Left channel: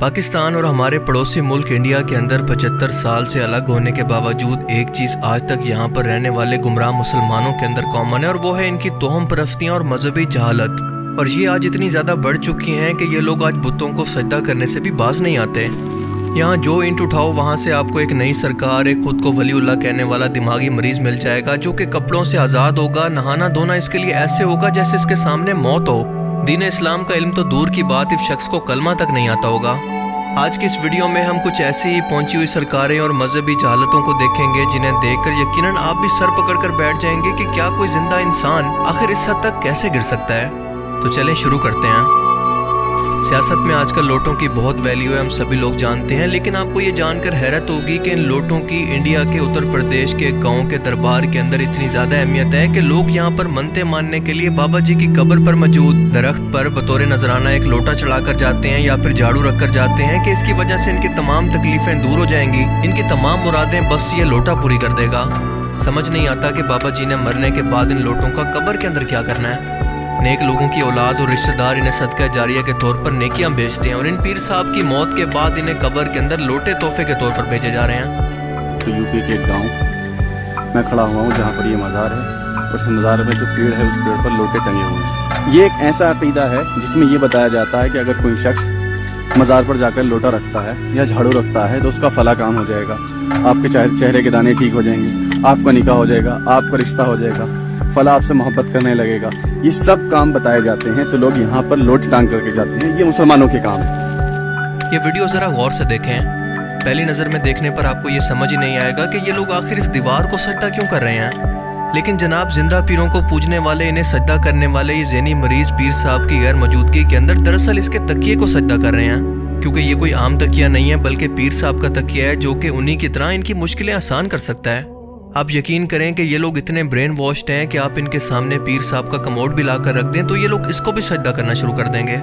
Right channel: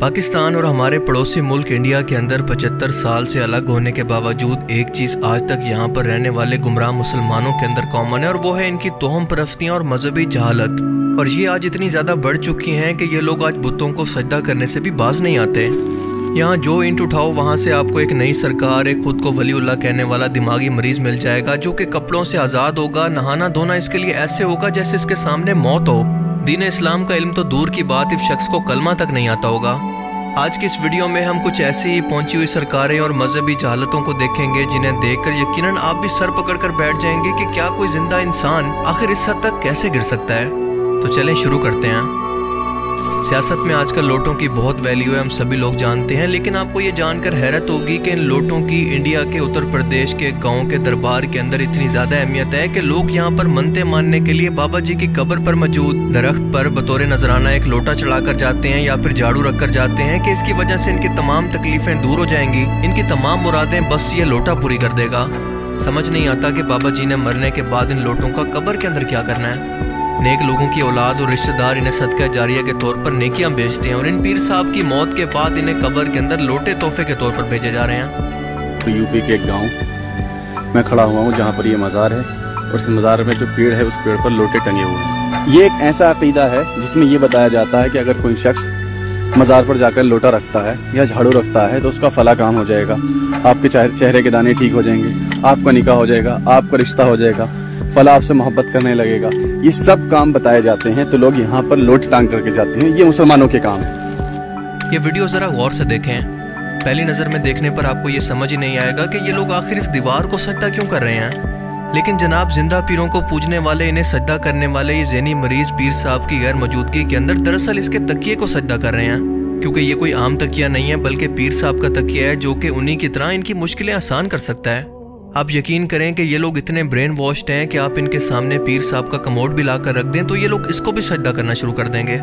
पाकिस्तान और हमारे पड़ोसी मुल्क इंडिया के अंदर 75 साल से अलग होने के बावजूद एक चीज़ आज तक यहाँ पर रहने वाले गुमराह मुसलमानों के अंदर कॉमन है, और वो है इनकी तोहम परस्तियाँ और मजहबी जहालत। और ये आज इतनी ज़्यादा बढ़ चुकी हैं कि ये लोग आज बुतों को सजदा करने से भी बाज नहीं आते। यहाँ जो ईंट उठाओ वहाँ से आपको एक नई सरकार, एक खुद को वलीउल्लाह कहने वाला दिमागी मरीज मिल जाएगा जो कि कपड़ों से आज़ाद होगा। नहाना धोना इसके लिए ऐसे होगा जैसे इसके सामने मौत हो। दीन इस्लाम का इल्म तो दूर की बात, इस शख्स को कलमा तक नहीं आता होगा। आज की इस वीडियो में हम कुछ ऐसी ही पहुंची हुई सरकारें और मजहबी जहालतों को देखेंगे जिन्हें देखकर यकीनन आप भी सर पकड़कर बैठ जाएंगे कि क्या कोई जिंदा इंसान आखिर इस हद तक कैसे गिर सकता है। तो चलें शुरू करते हैं। सियासत में आजकल नोटों की बहुत वैल्यू है, हम सभी लोग जानते हैं, लेकिन आपको ये जानकर हैरत होगी कि इन नोटों की इंडिया के उत्तर प्रदेश के गांव के दरबार के अंदर इतनी ज़्यादा अहमियत है कि लोग यहाँ पर मनते मानने के लिए बाबा जी की कब्र पर मौजूद दरख्त पर बतौर नजराना एक लोटा चढ़ाकर जाते हैं या फिर झाड़ू रख कर जाते हैं कि इसकी वजह से इनकी तमाम तकलीफें दूर हो जाएंगी, इनकी तमाम मुरादें बस ये लोटा पूरी कर देगा। समझ नहीं आता कि बाबा जी ने मरने के बाद इन लोटों का कब्र के अंदर क्या करना है। नेक लोगों की औलाद और रिश्तेदार इन्हें सदका जारिया के तौर पर नेकियां बेचते हैं, और इन पीर साहब की मौत के बाद इन्हें कब्र के अंदर लोटे तोहफे के तौर पर भेजे जा रहे हैं। तो यूपी के एक गांव मैं खड़ा हुआ हूँ जहाँ पर ये मज़ार है, और इस मज़ार में जो पेड़ है उस पेड़ पर लोटे टंगे हुए हैं। ये एक ऐसा अकीदा है जिसमें ये बताया जाता है कि अगर कोई शख्स मज़ार पर जाकर लोटा रखता है या झाड़ू रखता है तो उसका फला काम हो जाएगा, आपके चेहरे के दाने ठीक हो जाएंगे, आपका निकाह हो जाएगा, आपका रिश्ता हो जाएगा, फला आपसे मोहब्बत करने लगेगा। ये सब काम बताए जाते हैं, तो लोग यहाँ पर लोट टांग करके जाते हैं। ये मुसलमानों के काम है। ये वीडियो जरा गौर से देखें। पहली नज़र में देखने पर आपको ये समझ ही नहीं आएगा कि ये लोग आखिर इस दीवार को सजदा क्यों कर रहे हैं। लेकिन जनाब, जिंदा पीरों को पूजने वाले, इन्हें सजदा करने वाले ये ज़हनी मरीज पीर साहब की गैर मौजूदगी के अंदर दरअसल इसके तकिए को सजदा कर रहे हैं, क्योंकि ये कोई आम तकिया नहीं है बल्कि पीर साहब का तकिया है जो कि उन्हीं की तरह इनकी मुश्किलें आसान कर सकता है। आप यकीन करें कि ये लोग इतने ब्रेन वॉश्ड हैं कि आप इनके सामने पीर साहब का कमोड भी लाकर रख दें तो ये लोग इसको भी सजदा करना शुरू कर देंगे।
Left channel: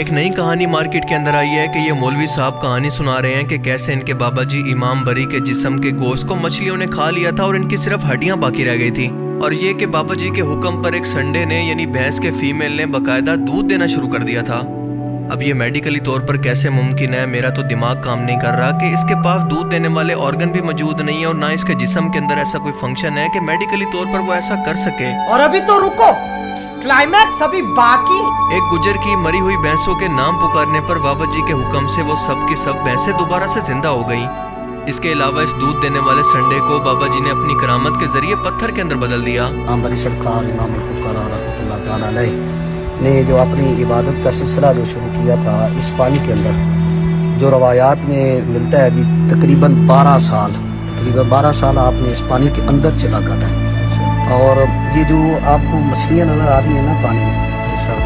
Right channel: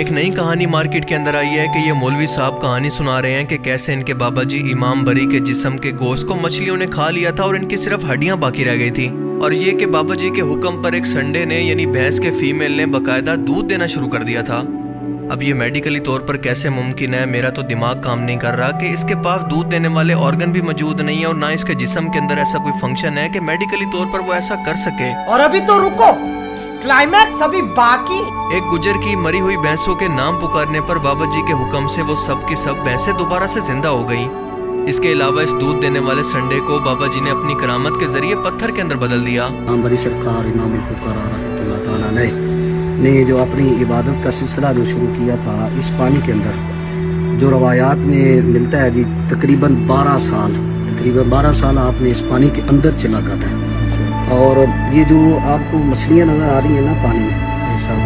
एक नई कहानी मार्केट के अंदर आई है कि ये मौलवी साहब कहानी सुना रहे हैं कि कैसे इनके बाबा जी इमाम बरी के जिस्म के गोश्त को मछलियों ने खा लिया था और इनकी सिर्फ हड्डियां बाकी रह गई थी, और ये कि बाबा जी के हुक्म पर एक संडे ने यानी भैंस के फीमेल ने बाकायदा दूध देना शुरू कर दिया था। अब ये मेडिकली तौर पर कैसे मुमकिन है, मेरा तो दिमाग काम नहीं कर रहा कि इसके पास दूध देने वाले ऑर्गन भी मौजूद नहीं है और ना इसके जिस्म के अंदर ऐसा कोई फंक्शन है कि मेडिकली तौर पर वो ऐसा कर सके। और अभी तो रुको, क्लाइमैक्स अभी बाकी। एक गुजर की मरी हुई भैंसों के नाम पुकारने पर बाबा जी के हुक्म से वो सब की सब भैंसें दोबारा से जिंदा हो गई। इसके अलावा इस दूध देने वाले संडे को बाबा जी ने अपनी करामत के जरिए पत्थर के अंदर बदल दिया। ने जो अपनी इबादत का सिलसिला जो शुरू किया था इस पानी के अंदर, जो रवायात में मिलता है जी तकरीबन 12 साल आपने इस पानी के अंदर चला काटा है। और ये जो आपको मछलियाँ नजर आ रही है ना पानी में,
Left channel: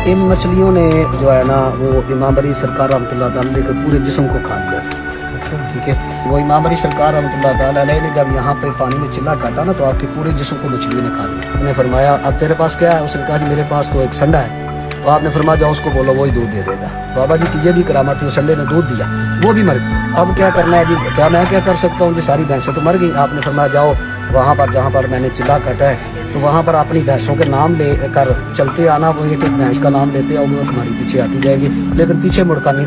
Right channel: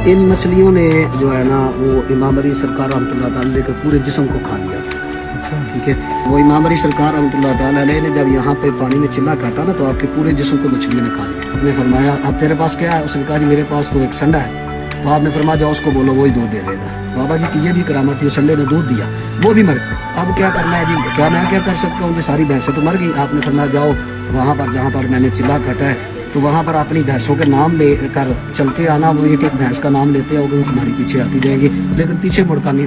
इन मछलियों ने जो है ना वो इमाम अली सरकार रहमतुल्लाह ताला अलैह के पूरे जिस्म को खा लिया था। ठीक है, वो इमाम अली सरकार रहमतुल्लाह ताला अलैह ने जब यहाँ पे पानी में चिल्ला काटा ना तो आपके पूरे जिस्म को मछलियों ने खा लिया। उन्हें फरमाया अब तेरे पास क्या है? उसने कहा जी मेरे पास तो एक संडा है। तो आपने फरमाया जाओ उसको बोलो वही दूध दे देगा। बाबा जी की ये भी करामत थी, संडे ने दूध दिया, वो भी मर गई। अब क्या करना है जी? क्या मैं क्या कर सकता हूँ जी? सारी भैंसें तो मर गई। आपने फरमाया जाओ वहाँ पर जहाँ पर मैंने चिल्ला काटा है तो वहाँ पर अपनी भैंसों के नाम ले कर चलते आना। वो एक एक भैंस का नाम लेते हैं और वो तुम्हारी पीछे आती जाएगी, लेकिन पीछे मुड़कर नहीं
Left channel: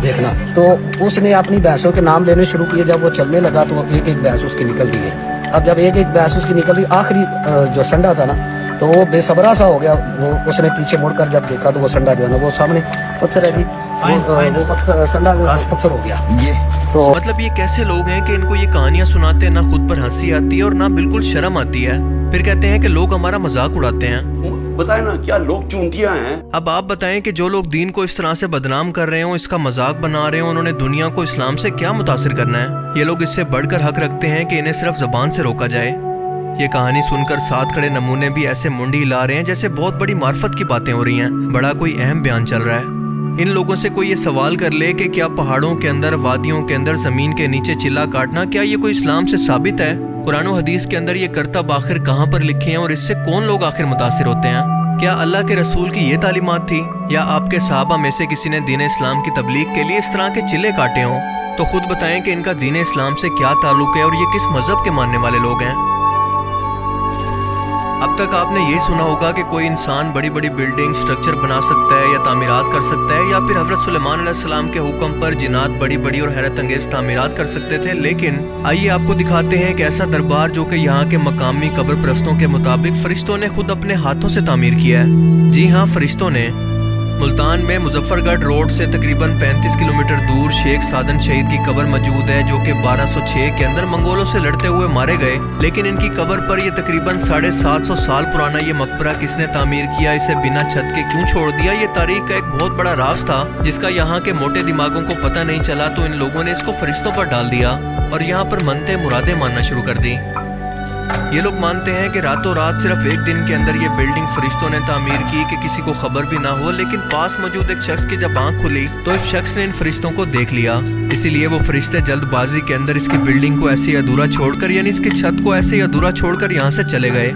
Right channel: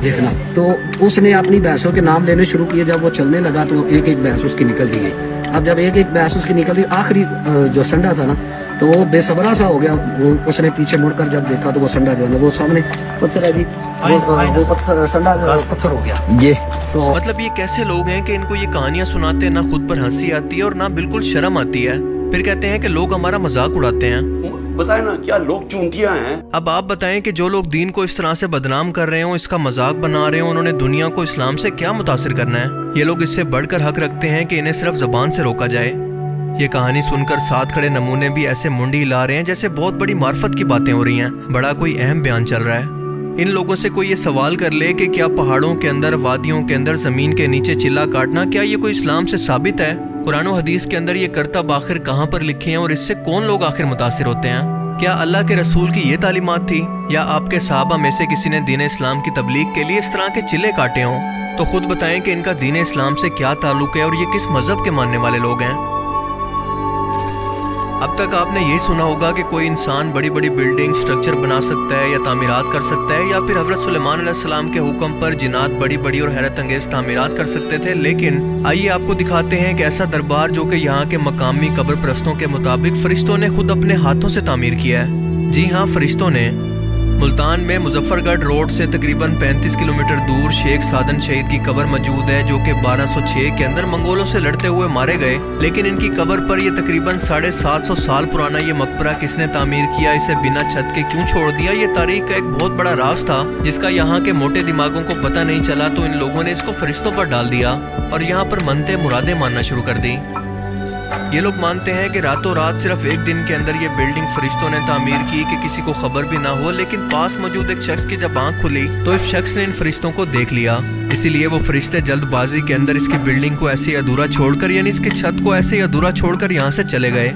देखना। तो उसने अपनी भैंसों के नाम लेने शुरू किए। जब वो चलने लगा तो एक एक भैंस उसकी निकल गई। अब जब एक एक भैंस उसकी निकल गई, आखिरी जो संडा था ना तो वो बेसबरा सा हो गया। वो उसने पीछे मुड़कर जब देखा तो वो संडा जो है ना वो सामने पत्थर है जी, वो पत्थर संडा पत्थर हो गया। ये तो मतलब ये कैसे लोग हैं कि इनको ये कहानियां सुनाते हैं, ना खुद पर हंसी आती है और ना बिल्कुल शर्म आती है, फिर कहते हैं कि लोग हमारा मजाक उड़ाते हैं। बताए ना क्या लोग चूंटियां हैं। अब आप बताएं कि जो लोग दीन को इस तरह से बदनाम कर रहे हो, इसका मजाक बना रहे हो, उन्होंने दुनिया को इस्लाम से क्या मुतासिर करना है। ये लोग इससे बढ़कर हक रखते हैं कि इन्हें सिर्फ जबान से रोका जाए। ये कहानी सुनकर साथ खड़े नमूने भी ऐसे मुंडी हिला रहे हैं जैसे बहुत बड़ी मार्फत की बातें हो रही हैं, बड़ा कोई अहम बयान चल रहा है। इन लोगों से कोई ये सवाल कर ले कि क्या पहाड़ों के अंदर, वादियों के अंदर, जमीन के नीचे चिल्ला काटना, क्या ये कोई इस्लाम से साबित है? कुरान और हदीस के अंदर ये करतब आखिर कहाँ पर लिखे हैं और इससे कौन लोग आखिर मुतासिर होते हैं? क्या अल्लाह के रसूल की ये तालीमात थी, या आपके सहाबा में से किसी ने दीन इस्लाम की तबलीग के लिए इस तरह के चिल्ले काटे हों? तो खुद बताएं कि इनका दीन इस्लाम से क्या ताल्लुक है और ये किस मजहब के मानने वाले लोग हैं। अब तक आपने यही सुना होगा कि कोई इंसान बड़ी बड़ी बिल्डिंग स्ट्रक्चर बना सकता है या तामीरात कर सकता है, या फिर हज़रत सुलेमान अलैहिस्सलाम के हुक्म पर जिन्नात बड़ी बड़ी और हैरत अंगेज तामीरात कर सकते थे। लेकिन आइए आपको दिखाते हैं कि ऐसा दरबार जो कि यहाँ के मकामी कब्र परस्तों के मुताबिक फरिश्तों ने खुद अपने हाथों से तामीर किया है। जी हाँ, फरिश्तों ने। मुल्तान में मुजफ्फरगढ़ रोड से तकरीबन 35 किलोमीटर दूर शेख सादन शहीद की कब्र मौजूद है, जो कि 1206 के अंदर मंगोलों से लड़ते हुए मारे गए। लेकिन इनकी कब्र पर यह तकरीबन 750 साल पुराना ये मकबरा किसने तामीर किया, इसे बिना छत के क्यों छोड़ दिया, ये तारीख का एक बहुत बड़ा राज था जिसका यहाँ के मोटे दिमागों को पता नहीं चला। तो इन लोगों ने इसको फरिश्तों पर डाल दिया और यहाँ पर मनते मुरादे मानना शुरू कर दी। ये लोग मानते हैं कि रातों रात सिर्फ एक दिन के अंदर ये बिल्डिंग फरिश्तों ने तामीर की कि किसी को खबर भी ना हो। लेकिन पास मौजूद एक शख्स की जब आंख खुली तो इस शख्स ने इन फरिश्तों को देख लिया। इसीलिए वो फरिश्ते जल्दबाजी के अंदर इसकी बिल्डिंग को ऐसे ही अधूरा छोड़कर, यानी इसकी छत को ऐसे ही अधूरा छोड़कर यहाँ से चले गए।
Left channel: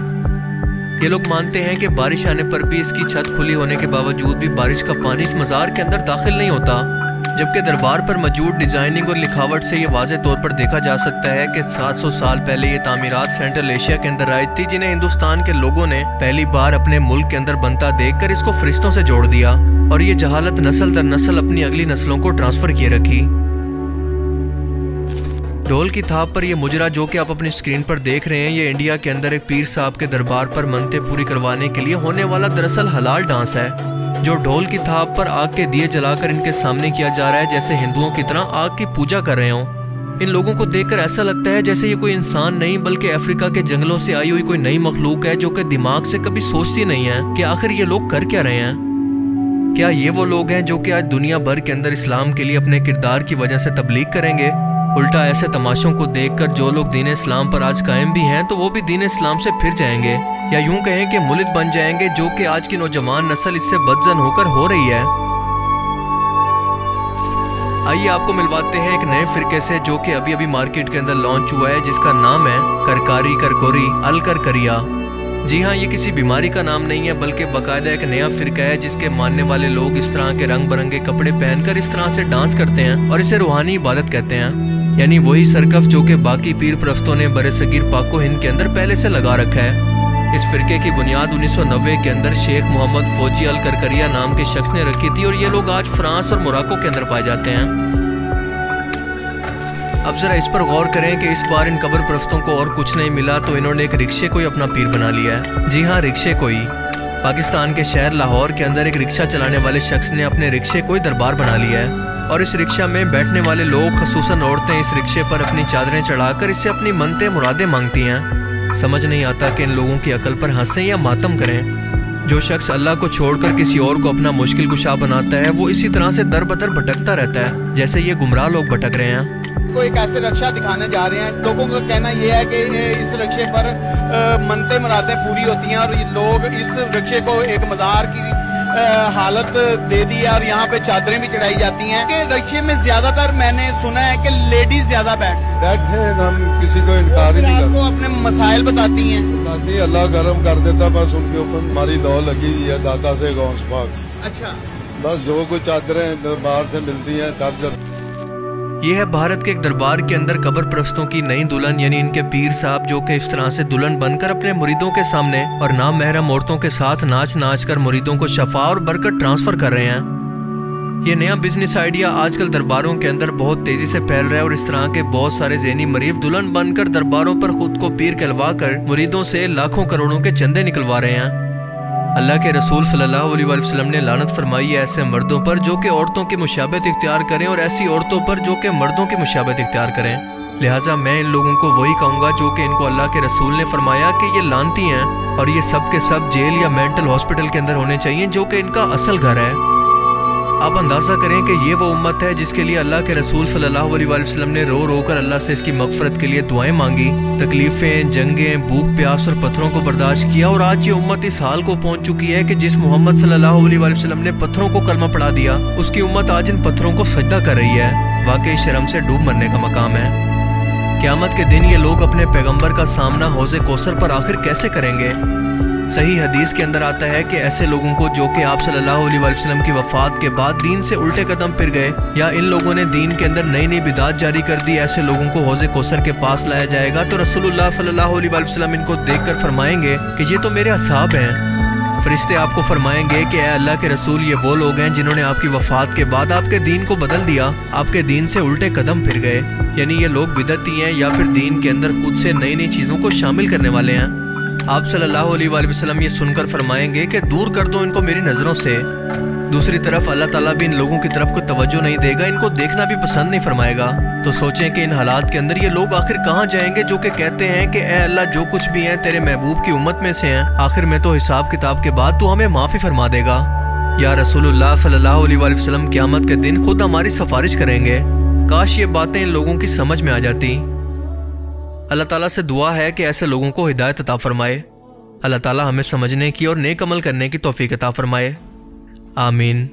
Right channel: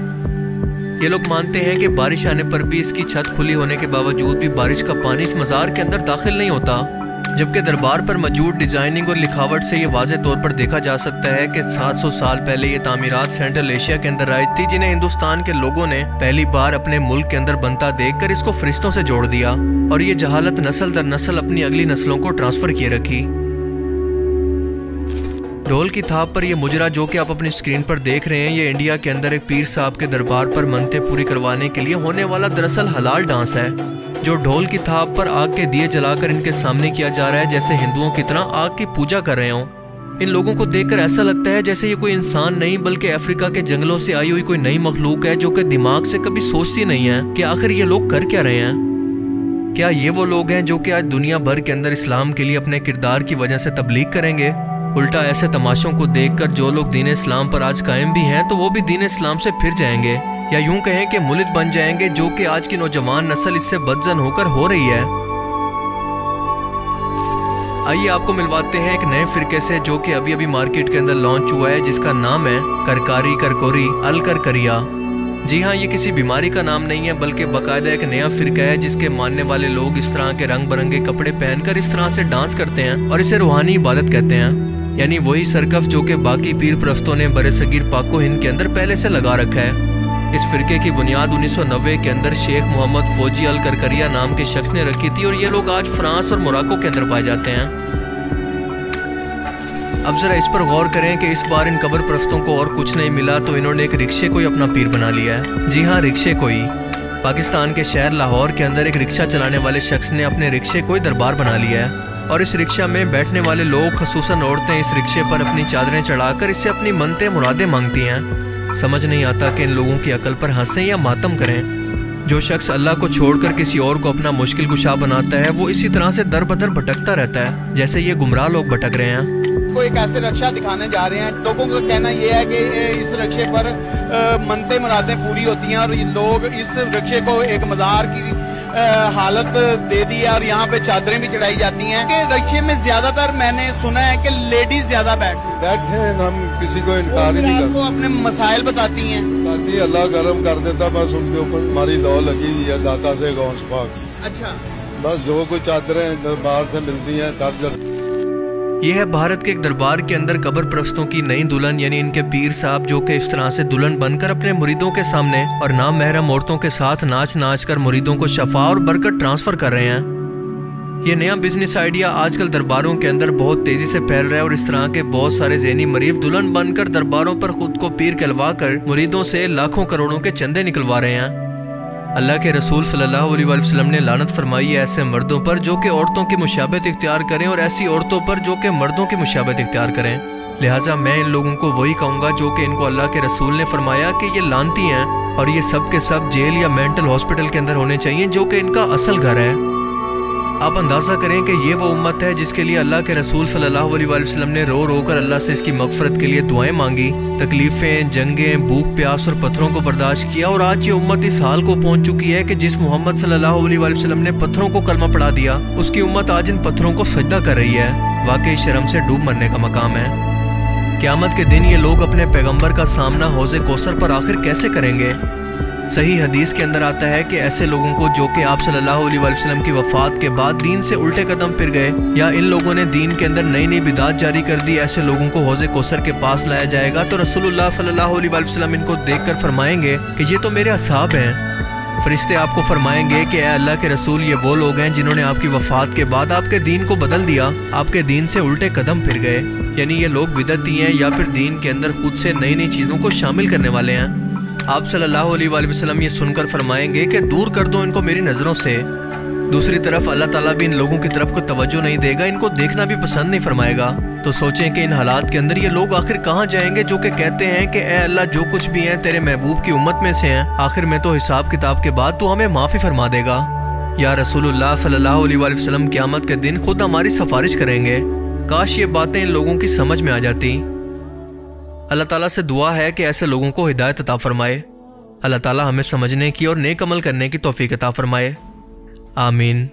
ये लोग मानते हैं कि बारिश आने पर भी इसकी छत खुली होने के बावजूद भी बारिश का पानी इस मज़ार के अंदर दाखिल नहीं होता। जबकि दरबार पर मौजूद डिजाइनिंग और लिखावट से ये वाज़े तौर पर देखा जा सकता है कि 700 साल पहले ये तामीरात सेंट्रल एशिया के अंदर आई थी, जिन्हें हिंदुस्तान के लोगों ने पहली बार अपने मुल्क के अंदर बनता देखकर इसको फरिश्तों से जोड़ दिया और ये जहालत नस्ल दर नस्ल अपनी अगली नस्लों को ट्रांसफर किए रखी। ढोल की थाप पर यह मुजरा जो कि आप अपनी स्क्रीन पर देख रहे हैं, ये इंडिया के अंदर एक पीर साहब के दरबार पर मनते पूरी करवाने के लिए होने वाला दरअसल हलाल डांस है, जो ढोल की थाप पर आग के दिए जलाकर इनके सामने किया जा रहा है, जैसे हिंदुओं की तरह आग की पूजा कर रहे हों। इन लोगों को देखकर ऐसा लगता है जैसे ये कोई इंसान नहीं बल्कि अफ्रीका के जंगलों से आई हुई कोई नई मखलूक है, जो कि दिमाग से कभी सोचती नहीं है कि आखिर ये लोग कर क्या रहे हैं। क्या ये वो लोग हैं जो कि आज दुनिया भर के अंदर इस्लाम के लिए अपने किरदार की वजह से तबलीग करेंगे? उल्टा ऐसे तमाशों को देखकर जो लोग दीन इस्लाम पर आज कायम भी हैं तो वो भी दीन इस्लाम से फिर जाएंगे, या यूं कहें कि मुलिद बन जाएंगे, जो कि आज की नौजवान नस्ल इससे बदजन होकर हो रही है। आइए आपको मिलवाते हैं एक नए फिरके से जो कि अभी अभी मार्केट के अंदर लॉन्च हुआ है, जिसका नाम है करकारी करकोरी अल करकरिया। जी हाँ, ये किसी बीमारी का नाम नहीं है बल्कि बाकायदा एक नया फिरका है जिसके मानने वाले लोग इस तरह के रंग बिरंगे कपड़े पहनकर इस तरह से डांस करते हैं और इसे रूहानी इबादत कहते हैं, यानी वही सरकफ जो कि बाकी पीर परस्तों ने बरसगीर पाको हिंद के अंदर पहले से लगा रखा है। इस फिरके की बुनियाद 1990 के अंदर शेख मोहम्मद फौजी अल करकरिया नाम के शख्स ने रखी थी और ये लोग आज फ्रांस और मोरक्को के अंदर पाए जाते हैं। अब जरा इस पर गौर करें कि इस बार इन कब्र परस्तों को और कुछ नहीं मिला तो इन्होंने एक रिक्शे को ही अपना पीर बना लिया है। जी हाँ, रिक्शे को ही। पाकिस्तान के शहर लाहौर के अंदर एक रिक्शा चलाने वाले शख्स ने अपने रिक्शे को ही दरबार बना लिया है और इस रिक्शा में बैठने वाले लोग, खसूसन औरतें, इस रिक्शे पर अपनी चादरें चढ़ाकर इससे अपनी मनते मुरादें मांगती हैं। समझ नहीं आता कि इन लोगों की अकल पर हंसें या मातम करें। जो शख्स अल्लाह को छोड़कर किसी और को अपना मुश्किल कुशा बनाता है वो इसी तरह से दर बदर भटकता रहता है जैसे ये गुमराह लोग भटक रहे हैं। को एक ऐसे रिक्शा दिखाने जा रहे हैं। लोगों का कहना यह है कि इस रिक्शे पर मनते मुरादें पूरी होती हैं और लोग इस रिक्शे को एक मज़ार की हालत दे दी है और यहाँ पे चादरें भी चढ़ाई जाती हैं। कि रिक्शे में ज्यादातर मैंने सुना है कि लेडीज ज्यादा बैठते हैं। हम किसी को इनकार ही नहीं करते। अपने मसाइल बताती हैं। अल्लाह करम कर देता, बस उनके ऊपर हमारी लौ लगी है दाता से गौस पाक। अच्छा, बस जो कुछ चादरें दरबार से मिलती हैं चादर। ये है भारत के एक दरबार के अंदर कब्र परस्तों की नई दुल्हन, यानी इनके पीर साहब, जो कि इस तरह से दुल्हन बनकर अपने मुरीदों के सामने और नाम महरम औरतों के साथ नाच नाच कर मुरीदों को शफा और बरकत ट्रांसफर कर रहे हैं। ये नया बिजनेस आइडिया आजकल दरबारों के अंदर बहुत तेजी से फैल रहा है और इस तरह के बहुत सारे ज़हनी मरीफ दुल्हन बनकर दरबारों पर खुद को पीर कहलवा कर मुरीदों से लाखों करोड़ों के चंदे निकलवा रहे हैं। अल्लाह के रसूल सल्लल्लाहु अलैहि वसल्लम ने लानत फरमाई है ऐसे मर्दों पर जो कि औरतों की मुशाबहत इख्तियार करें और ऐसी औरतों पर जो कि मर्दों की मुशाबहत इख्तियार करें। लिहाजा मैं इन लोगों को वही कहूँगा जो कि इनको अल्लाह के रसूल ने फरमाया कि ये लानती हैं और ये सब के सब जेल या मेंटल हॉस्पिटल के अंदर होने चाहिए, जो कि इनका असल घर है। आप अंदाज़ा करें कि ये वो उम्मत है जिसके लिए अल्लाह के रसूल सल्लल्लाहु अलैहि वसल्लम ने रो रो कर अल्लाह से इसकी मगफरत के लिए दुआएं मांगी, तकलीफ़ें, जंगें, भूख प्यास और पत्थरों को बर्दाश्त किया और आज ये उम्मत इस हाल को पहुंच चुकी है कि जिस मोहम्मद सल्लल्लाहु अलैहि वसल्लम ने पत्थरों को कलमा पढ़ा दिया, उसकी उम्मत आज इन पत्थरों को सजदा कर रही है। वाकई शर्म से डूब मरने का मकाम है। क़यामत के दिन ये लोग अपने पैगम्बर का सामना हौज़े कौसर पर आखिर कैसे करेंगे? सही हदीस के अंदर आता है कि ऐसे लोगों को जो कि आप सल्लल्लाहु अलैहि वसल्लम की वफ़ात के बाद दीन से उल्टे कदम फिर गए या इन लोगों ने दीन के अंदर नई नई बिदात जारी कर दी, ऐसे लोगों को हौज़े कौसर के पास लाया जाएगा तो रसूलुल्लाह सल्लल्लाहु अलैहि वसल्लम इनको देखकर फरमाएंगे कि ये तो मेरे असहाब हैं। फरिश्ते आपको फरमाएंगे कि ऐ अल्लाह के रसूल, ये वो लोग हैं जिन्होंने आपकी वफ़ात के बाद आपके दीन को बदल दिया, आपके दीन से उल्टे कदम फिर गए। यानी ये लोग बिदअती हैं या फिर दीन के अंदर खुद से नई नई चीज़ों को शामिल करने वाले हैं। आप सल्लल्लाहु अलैहि वसल्लम ये सुनकर फरमाएंगे कि दूर कर दो इनको मेरी नज़रों से। दूसरी तरफ अल्लाह ताला भी इन लोगों की तरफ को तवज्जो नहीं देगा, इनको देखना भी पसंद नहीं फरमाएगा। तो सोचें कि इन हालात के अंदर ये लोग आखिर कहाँ जाएंगे जो कि कहते हैं कि ए अल्लाह, जो कुछ भी हैं तेरे महबूब की उम्मत में से हैं, आखिर में तो हिसाब किताब के बाद तू हमें माफ़ी फरमा देगा। या रसूलुल्लाह सल्लल्लाहु अलैहि वसल्लम क़यामत के दिन खुद हमारी सिफारिश करेंगे। काश ये बातें इन लोगों की समझ में आ जाती। अल्लाह ताला से दुआ है कि ऐसे लोगों को हिदायत अता फरमाए। अल्लाह ताला हमें समझने की और नेक अमल करने की तौफीक अता फरमाए। आमीन।